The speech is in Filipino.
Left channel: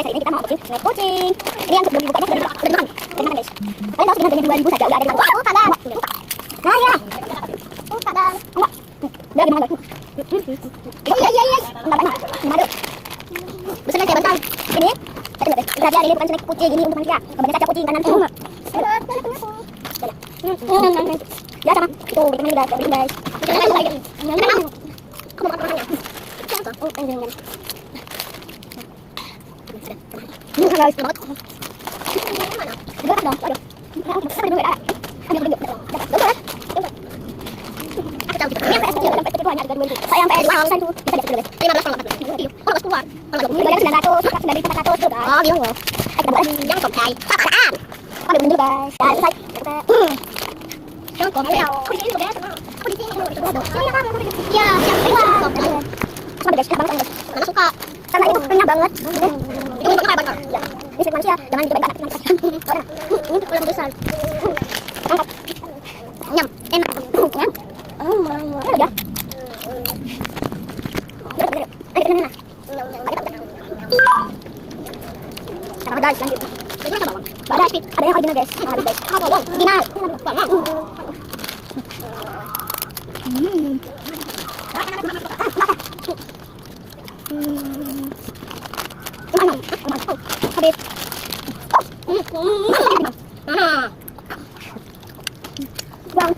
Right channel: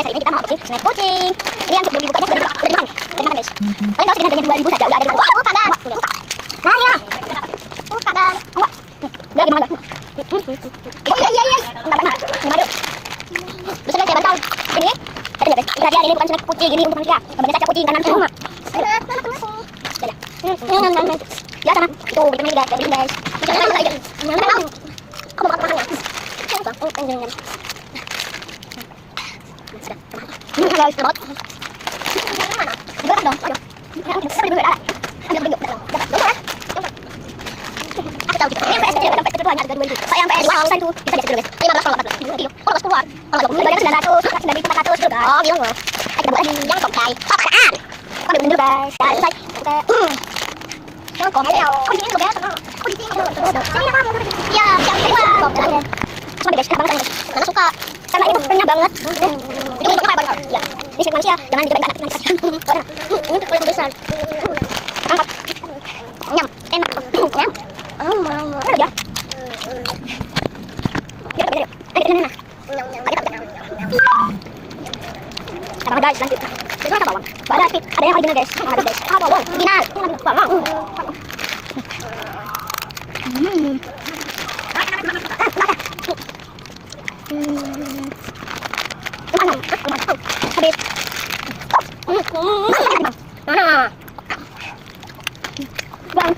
guys, ini kita mau kucing, snack kucing. Ini yang sebelum dibukanya sudah dimakan. Guys. Kalian tahu sekitar dengan 2000 saja udah ada di mana? Oh, kadang. Nah, ya. Oh, kadang. Enggak. Udah gimana? Oh, iya. Enggak. Gimana? Bisa saya bantu. Ini. Perhatian ini bukan snack kucing, ini untuk manusia. Kemudian saja kucing kanan cuma. Ya sama. Itu vitamin guys, guys. Kamu makan ya? Oh, anjing. Guys, terus. Mana? Dong, ayo. Saya beli ada. Ada beli. Dapat. Aku tahu kita. Yang PS dapat itu hanya harga 2000. Saya yang PS uang itu bisa jadi dulu. 15 kalau dapat. Oh, kalau keluar. Kalau enggak bayar 900, sudah di 400 juga. Oh, gitu loh. Kita buat yang komplai. Apaan? Kau dulu guys. Ya, selesai. Kita yang komplai. Kucing itu ya, sama. Kucing itu. Ya, yang kedua. Cuma beda sekali banget. Karena suka. Karena itu renyah banget. Itu untuk apa banget? Ya. Ini sih manusia, jangan dicobain anak. Ini kalau besar. Angkat. Nyam, enak. Nyam. Oh, mau. Ya. Biar. Ini. Sama guys, lanjut. Itu apa bawang? Ada yang original guys. Ada guys. Apa bawang? Original. Bawang. Habis. Bang,